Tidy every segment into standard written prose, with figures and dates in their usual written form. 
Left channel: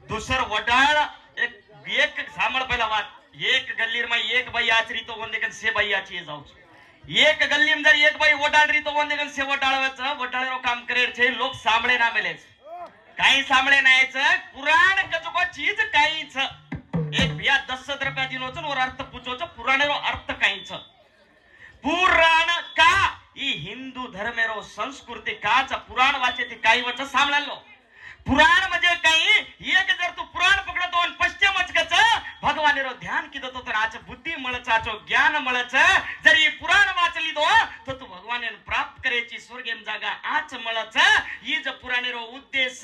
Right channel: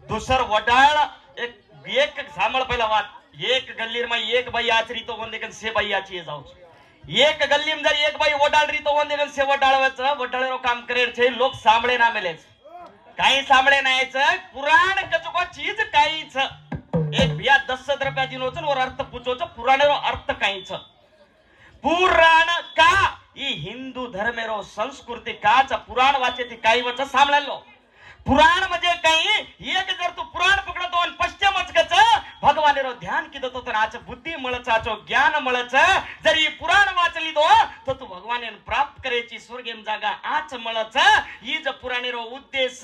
दुसर वडाळ एक सांभळ पहिला वाट एक गल्लीर में एक बाई आचरी तो वंदेगन से बाई आची जाऊ एक गल्ली में जर एक बाई वडाळ री तो वंदेगन से वडाळवच वडाळेरो काम करेर छे लोक सांभळे ना मेलेच काही सांभळे नाहीच पुराण कचको चीज काहीच एक बिया 10 रुपया दिनोच और अर्थ पूछोच पुराणेरो अर्थ काहीच पुराण का ई हिंदू धर्मेरो संस्कृती काच पुराण वाचे ती काही वच सांभळलो पुराण म्हणजे काही एक जर तू पुराण पकडतो आणि पश्चिमच कच भगवानेरो ध्यान किदो तो तर आज बुद्धी मळच आचो ज्ञान मळच जरी पुराण वाचली दो तो तू भगवाने प्राप्त करेची स्वर्गेम जागा आच मळच ही ज पुराणेरो उद्देश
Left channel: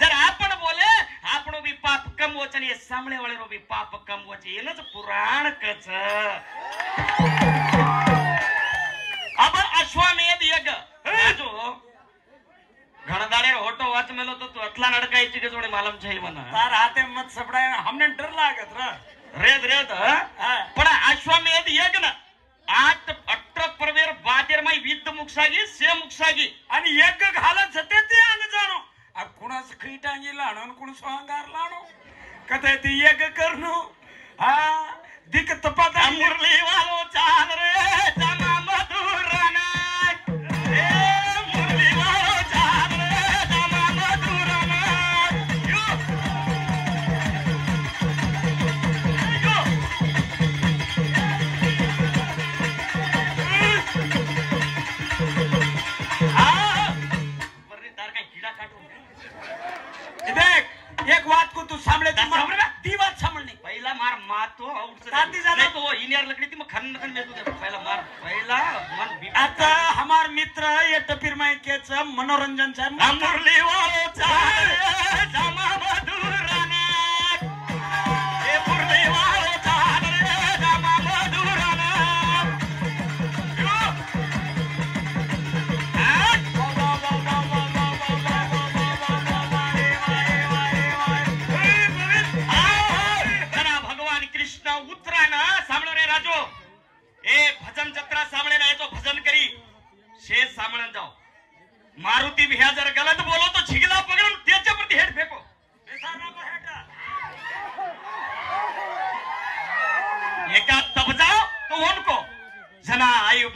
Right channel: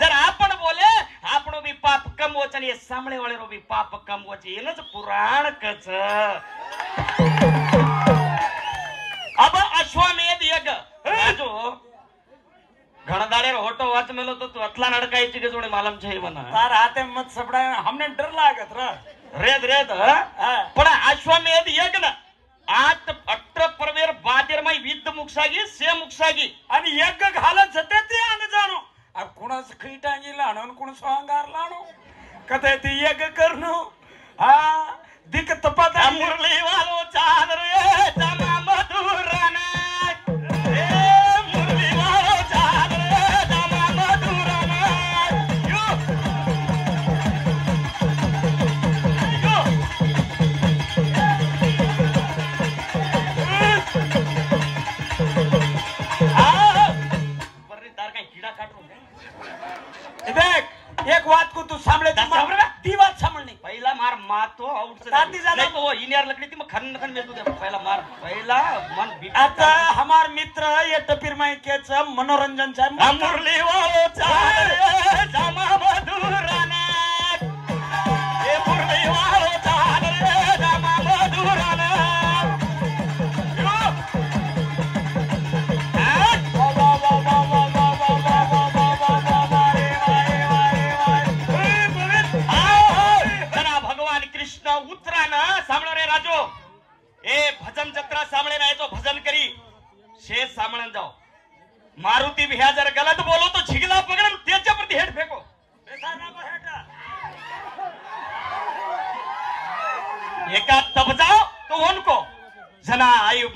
जर आपण बोले आपण भी पाप कमवच आणि सामळे वाळेरो भी पाप कमवच येनच पुराण कच अब अश्वमेध यज्ञ राजो घणदारे होटो वाच मेलो तो तू अतला नडकायची के जोडी मालम छे मना तार हाते मत सपडाय हमने डर लागत रेद रेद पण अश्वमेध यज्ञ 8 परवेर बादेर मै विद्ध मुक्षागी से मुक्षागी आणि एक घालत जते ते अंग जाणो आ कुणास खीटांगी लाणो कुण स्वांगार लाणो कथे ती एक करनो हा दिक तपत मुरली वालो चादरे जमा मधुरना एक बात को तू सामने ती बात सामने पहिला मार मातो आउट से नहीं तो इनियर लकड़ी थी मैं खन खन में तू पहिला मार पहिला मन आता हमार मित्र ये टपीर में के छ मनोरंजन छ मुरली वालो चाहे जमा मधुरना ए मुरली वालो चाहे जमा मधुरना शेष सामने जाओ मारुति भी जरा गलत बोलो तो झिगला पकड़ तेज प्रति हेड फेंको एका तब जाओ तो उनको जना आयु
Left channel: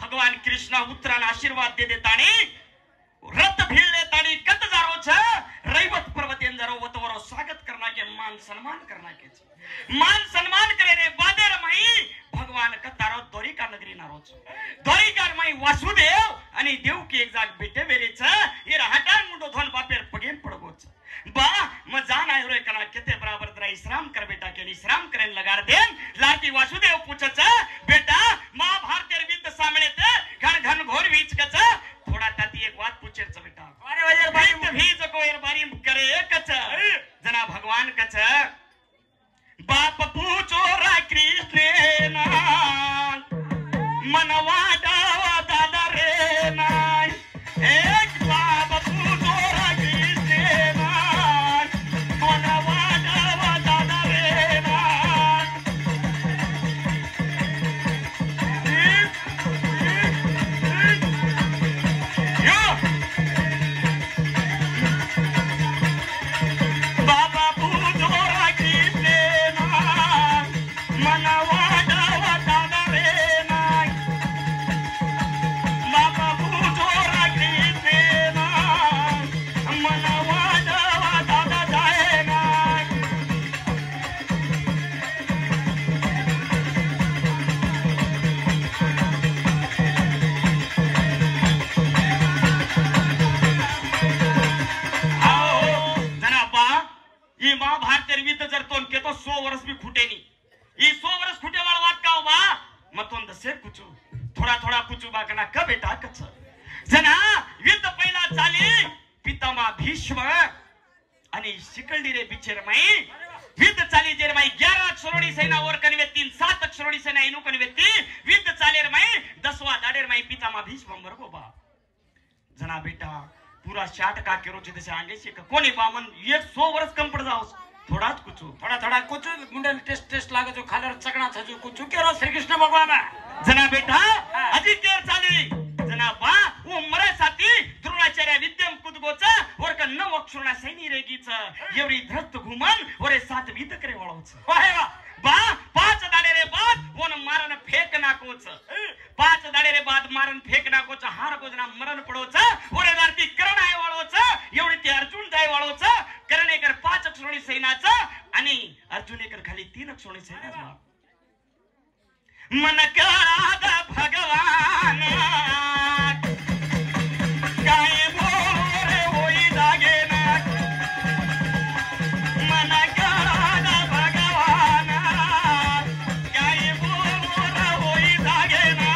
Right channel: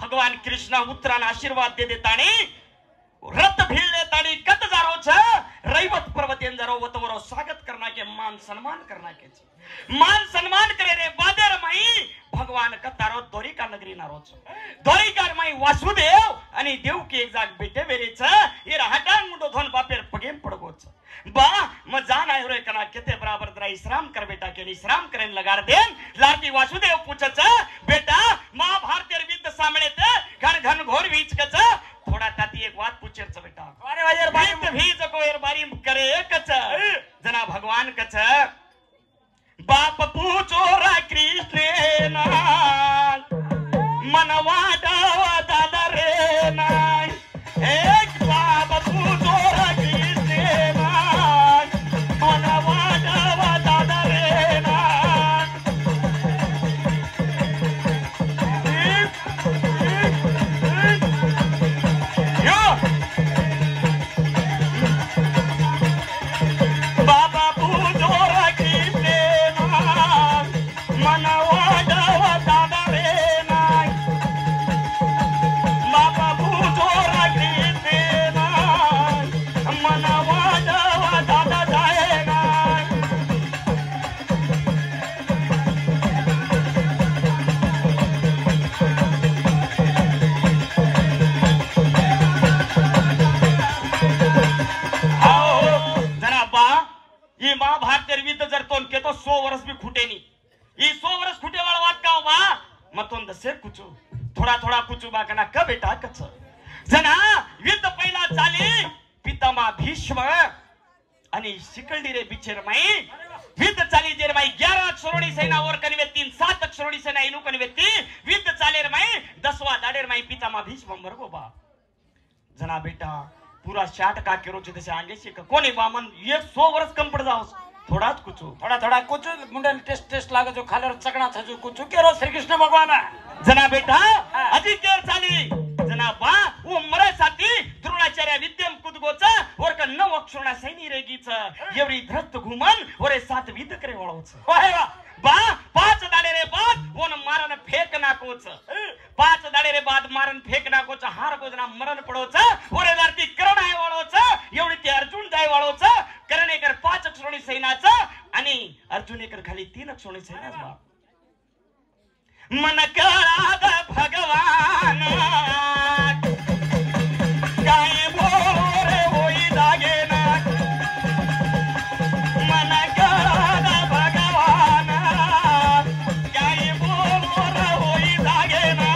भगवान कृष्ण उत्तरायण आशीर्वाद दे देतानी रथ भीड़ देतानी कत जारो छ रैवत पर्वतेन जारो वतवरो स्वागत करना के मान सम्मान करना के मान सम्मान करे रे बादर माई भगवान कतारो द्वारिका नगरी नारो छ द्वारिका माई वासुदेव आणि देवकी एक जाग बेटे वेरेच ये हटान मुंडो धन बापेर पगेम पडगोच बा म जान आयो रे कना केते बराबर दरा विश्राम कर बेटा के विश्राम करेन लगार देन लाकी वासुदेव पूछच बेटा महाभारत विद्ध सामने ते घर घन घोर बीच कच थोड़ा ताती एक बात पूछेच बेटा अरे वाजे बात भी जकोर बारी करे कच जना भगवान कच बाप पूछो रा कृष्ण ना मनवा विद चाली जेर माई 11 अक्षरोनी सेना और कनवे 3 7 अक्षरोनी सेना इनु कनवे 3 विद चालेर माई 10वा दाडेर माई पितामा भीष्म मरगो बा जना बेटा पूरा 60 का केरो छे तसे आंगे से कोणी बामन 100 वर्ष कम पड़ जाओ थोड़ा कुछ मुंडा टेस्ट लागे जो खालर चकना छजू कुछ केरो श्री कृष्ण भगवान जना बेटा अजी केर चाली जना बा वो मरे साथी द्रोणाचार्य विद्यम कुदगोचा और का 9 अक्षरना सैनी रेगीच एवढी धरत घुमन और 7 विद करे वळोच वाह बा 5 दाडे रे बाद ओन मारन फेक नाकोच 5 दाडे रे बाद मारन फेक नाकोच हार गोजना मरण पडोच और लरती करण आहे वळोच एवढी ते अर्जुन जाय वळोच करण एकर 5 अक्षरोनी सैनाचा आणि अर्जुन एकर खाली 3 अक्षरोनी सैनाचा मन काळाद भगवान काय बोले होई लागे ना मन काळाद भगवान काय बोले होई लागे ना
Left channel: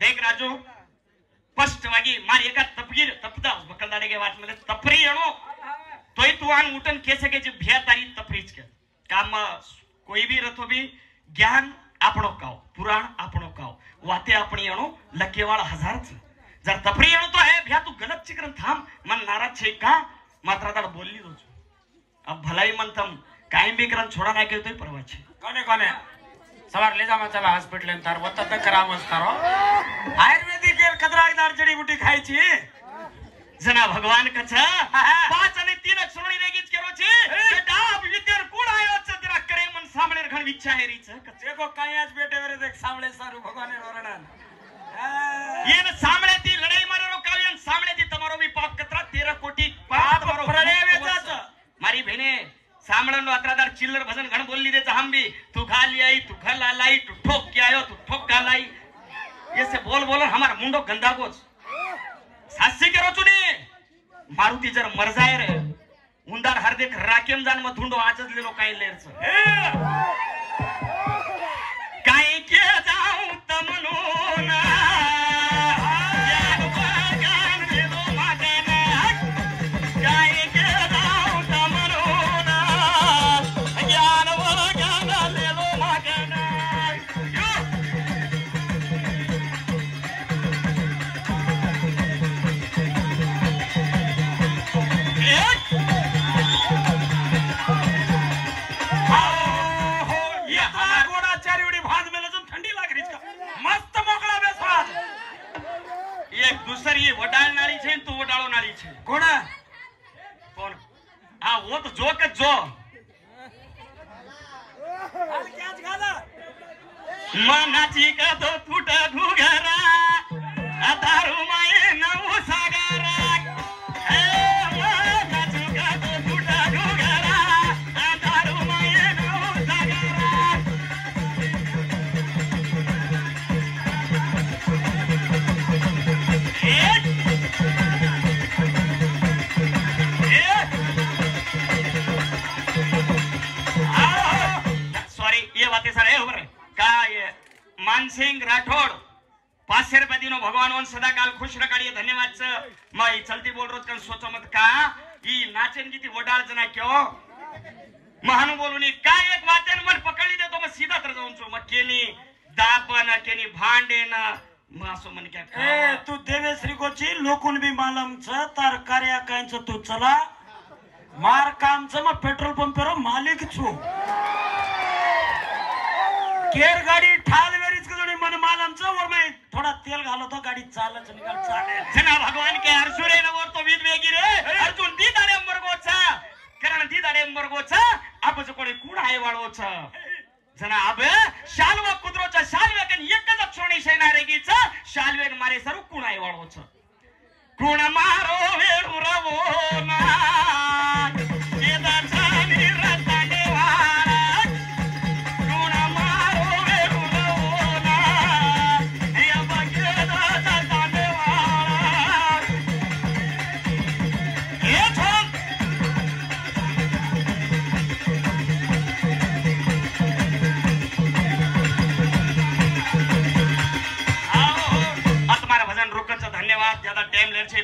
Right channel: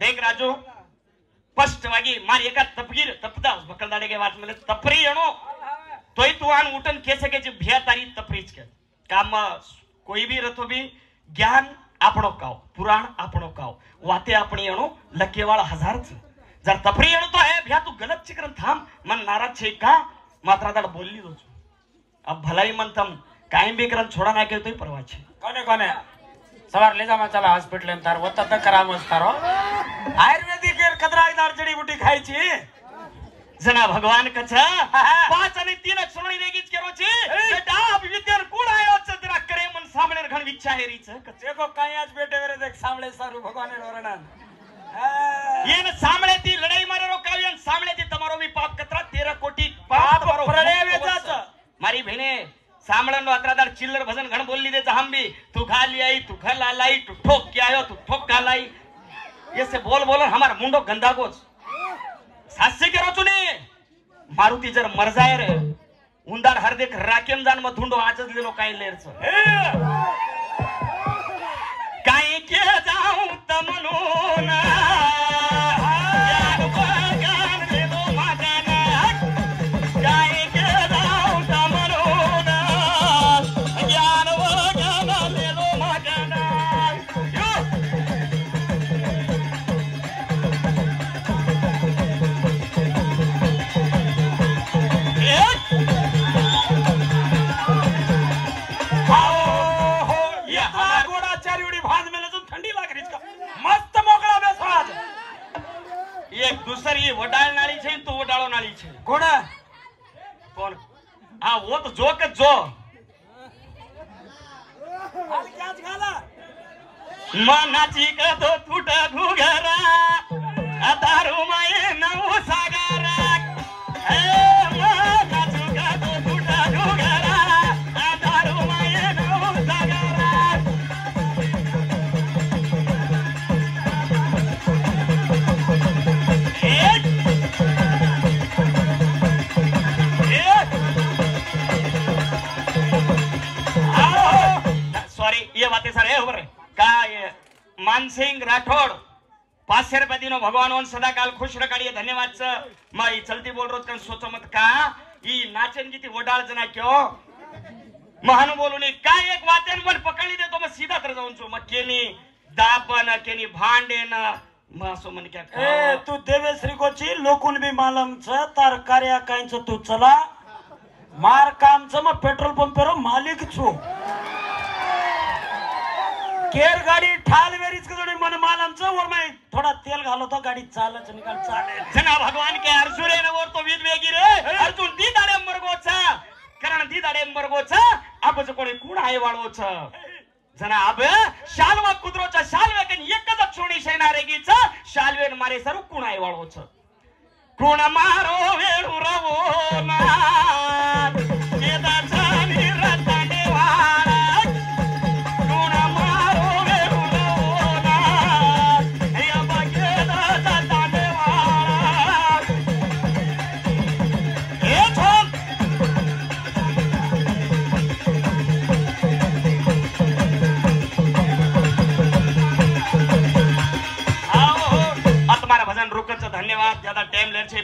देख राजू स्पष्टವಾಗಿ मारी एका तपदा बकलदाडेगे वाट मले तपरी येणो तोय तू आन उठन केसे के भ्या तारी तपरीच के काम कोई भी रथो भी ज्ञान आपणो काव पुराण आपणो काव वाते आपणी येणो लकेवाळ हजार छ जर तपरी येणो तो है भ्या तू गलत चिकरन थांब मन नाराज छे का मात्रा दाड बोलली दो अब भलाई मन तम कायम भी करन छोड़ा ना के तोय परवा छे कोने सवार ले जामा चला हॉस्पिटल में तार होता त करामस तारो आयुर्वेदिक कदराईदार जड़ी बूटी खायची जना भगवान कछ 5 आणि 3 अक्षरोनी रेगीच केरो छी बेटा विद्यार कोण आयो छ तेरा करे मन सामने घण विच्छा हेरी छ कचे को कायाच बेटे वेरे देख सामने सारू भगवान रोरणान ये सामने ती लड़ाई मारे रो काव्यन सामने ती तमारो भी पाप कतरा 13 कोटी पाप मारो प्रणय वेचाच मारी बहने सामळनो अत्रादार चिल्लर भजन घण बोलली दे हम भी तू खाली आई तू खला लाई तू ठोक के आयो तू ठोक का लाई ये से बोल बोलो हमार मुंडो गंदा गोच सासे के रोचुने मारुती जर मर जाय रे उंदार हर देख राकेम जान म धुंडो आचज लेलो काय लेरच काय के जाऊ तमनो ना दूसरी वडाळ नाळी छे तो वडाळो नाळी छे घोडा कोण हां वो तो जो के जो हाल क्याच घाला मनाची का तो फुटा घुगरा अतारू माये नव सागरा ए मनाची का तो फुटा घुगरा अतारू माये नव सागरा मानसिंग राठौड़ 500 रुपये दिनो भगवान सदाकाल खुश रखाड़िए धन्यवाद छ माई चलती बोल रोज कन सोचो मत का ई नाचन की वडाळ जना क्यों महान बोलूनी काय एक वाचन वर पकड़ी दे तो मैं सीधा तर जाऊं छु म केनी दापन केनी भांडेन मासो मन क्या ए तू देवेश्री कोची लोकुन भी मालूम छ तार कार्य कायच तू चला मार काम छ म पेट्रोल पंप रो मालिक छु केर गाड़ी ठाल वेरीच कदोनी मन मालम छ और मैं थोड़ा तेल घालो तो गाड़ी चालच निकल चाले जना भगवान के अर्जुने और तो वीर वेगी रे अर्जुन दी दाडे मरगो छ कारण दी दाडे मरगो छ अब जो कोणी कोण आहे वाळो छ जना अब शालवा कुदरो छ शालवे कन एकच अक्षोणी सेना रेगी छ शालवेन मारे सर्व कोण आहे वाळो छ कोण मारो वेळू रवो ना धन्यवाद ज्यादा टाइम ले छे